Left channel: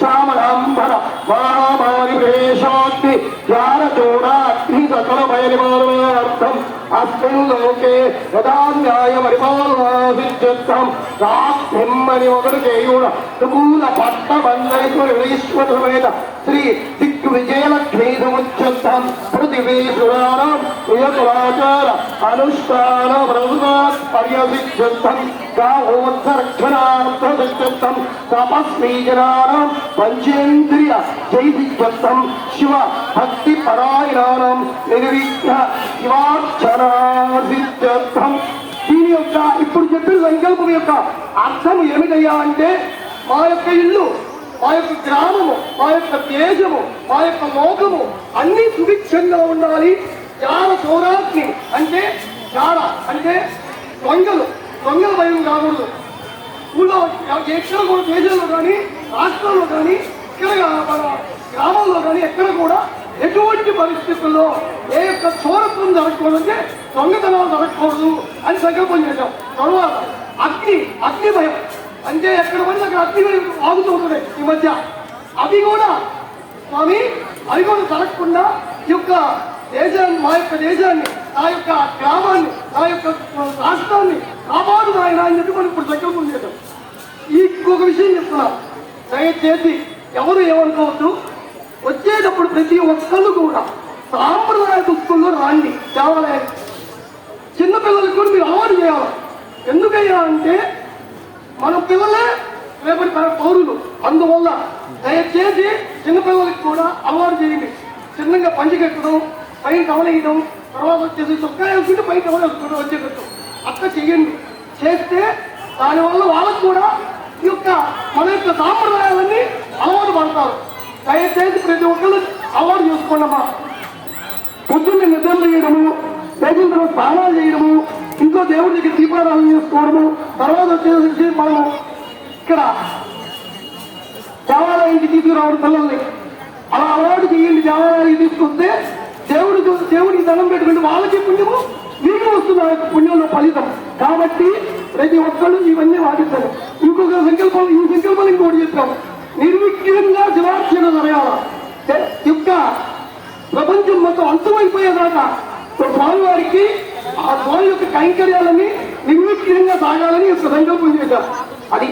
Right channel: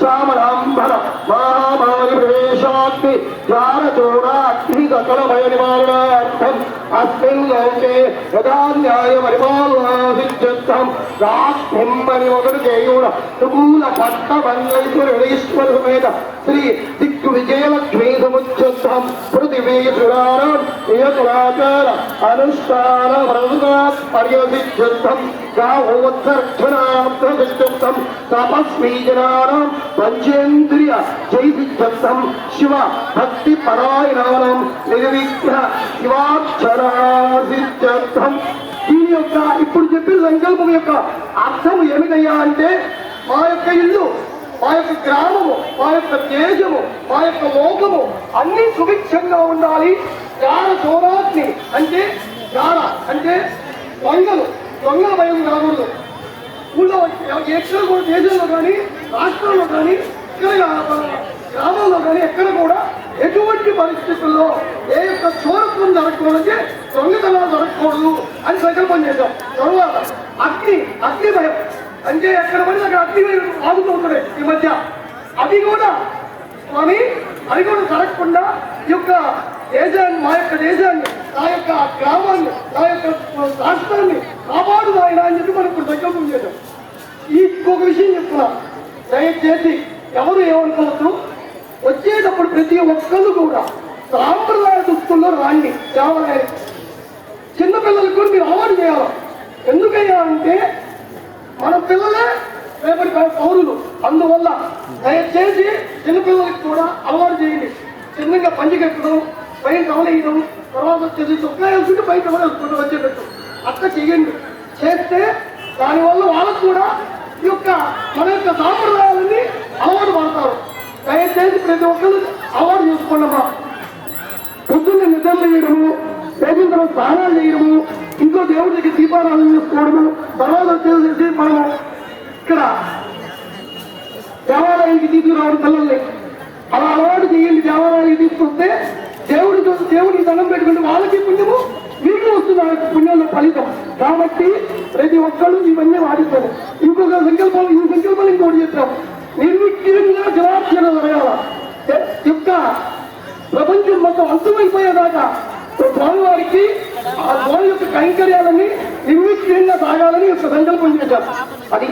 చామరాంబర మహామారివేశాగ్ని జ్ఞానచూడాగ్ని సకల భయనివారణార్థం అస్మిన్ లోకే యదా న్యాయపరిపాలనాసిద్ధ్యర్థం బ్రహ్మని ఒకటి చేయుడ సుమూల పట్టమన్యైశ్వరేశ్వరమేత శ్రీ దిగ్విజయలక్ష్మీ సముచ్ఛ్యర్థం పృథివీ పురాణం నియతమాచార అనుష్ఠాన వ్రతాత్ పర్యసిద్ధ్యర్థం గావోత్సర్జనార్థసిద్ధ్యర్థం తపస్వీజనానాం పంచేంద్రియ జైసిద్ధ్యర్థం శివ భక్తి పరాయణానాం నిర్విఘ్న శివార్చనాసిద్ధ్యర్థం. దీని యొక్క ఇప్పుడు చెప్పిన సంకల్పం యొక్క అర్థం ఏమిటయ్యా అంటే, మా యొక్క ఇల్లు, మా యొక్క గ్రామము, మా యొక్క దేశము, మా యొక్క లోకము అన్ని సుభిక్షంగా ఉండాలి. జార చోరాగ్ని అంటే జార అంటే దొంగలు భయం రాకూడదు. ఊళ్ళో ఎక్కడ కూడా దేశంలో కానీ రాష్ట్రంలో కానీ ఇక్కడ గ్రామాల్లో కానీ ఎక్కడ కూడా ఎటువంటి పరిస్థితుల్లో ఏ యొక్క చోరత్వం జరగకూడదంటే దొంగతనాలు జరగకూడదు అని సంకల్పం చేశారు. తర్వాత అగ్ని భయం అంటే ఎక్కడ పడితే అక్కడ అగ్ని భయం ఆగుతూ ఉంటుంది ఈ మధ్య. అది కూడా స్వామి అది కూడా జరగకుండా ఈ యొక్క దేశాన్ని, మా యొక్క దేశాన్ని, మా యొక్క గ్రామాన్ని, మా యొక్క రాష్ట్రాన్ని కాపాడు ఆయన అని చెప్పి మనం ఇప్పుడు సంకల్పం చేశాం. ఇంకొక విషయం చెప్తున్నా, దయచేసి ఎవరు ఏమనుకోవద్దు. వచ్చేటప్పుడు ప్రతి ఒక్కళ్ళు కూడా సాంప్రదాయ దుస్తుల్లో రాండి దేవాలయానికి. చిన్నపిల్లలకు కూడా మీరు అలవాటు చేయాలి. ఎందుకయ్యా అంటే మన పిల్లలే రేపటి పౌరులు. అందువల్ల దయచేసి చిన్నపిల్లలకి కూడా అలవాటు చేయండి. చిన్నగా పంచి కట్టడం, పైన కవలేయడం, తర్వాత వచ్చేసి చొక్కా వేసుకుంటే పై కవలేసుకుంటూ వచ్చేటట్టు అక్క చెయ్యండి. చేస్తే దానివల్ల వాళ్ళకు కూడా ఈ యొక్క మన యొక్క సాంప్రదాయాలన్నీ అలవాటు పడతారు. దయచేసి ప్రతి ఒక్కరు అలవాటు చేసుకోండమ్మా. పొద్దున్నే నిద్ర చేయడము, చేసిన స్నానాలు చేయడము, ఇంట్లో దేవుడి దగ్గర దీపారాధన చేసుకోవడము, తర్వాత వచ్చేసి మనము ఇక్కడ దేవాలయానికి తీసుకురావడం పిల్లల్ని అలా అలవాటు చేయండి. దేవాలయానికి తీసుకొస్తే దేవుడికి దండం పెట్టుకుంటే వాళ్ళకి పుణ్యము, వీళ్ళు వస్తుంది ఆ యొక్క పుణ్యంలో ఫలితం. కాబట్టి ప్రతి ఒక్కళ్ళు ఇవన్నీ వాడిస్తారు. ఇంకొక సంకల్పం, ఈ సంకల్పం ఇంకోటి చెప్తాము, నిర్విఘ్నంగా జవార్చన జరగాల. యొక్క ప్రపంచం మొత్తం అంతమైపోయేదాకా స్వామివారికి ఆ స్వామి యొక్క కైంకర్యాలని నిర్విఘ్నంగా సాగాలని యొక్క సంకల్పం చేశారు. అది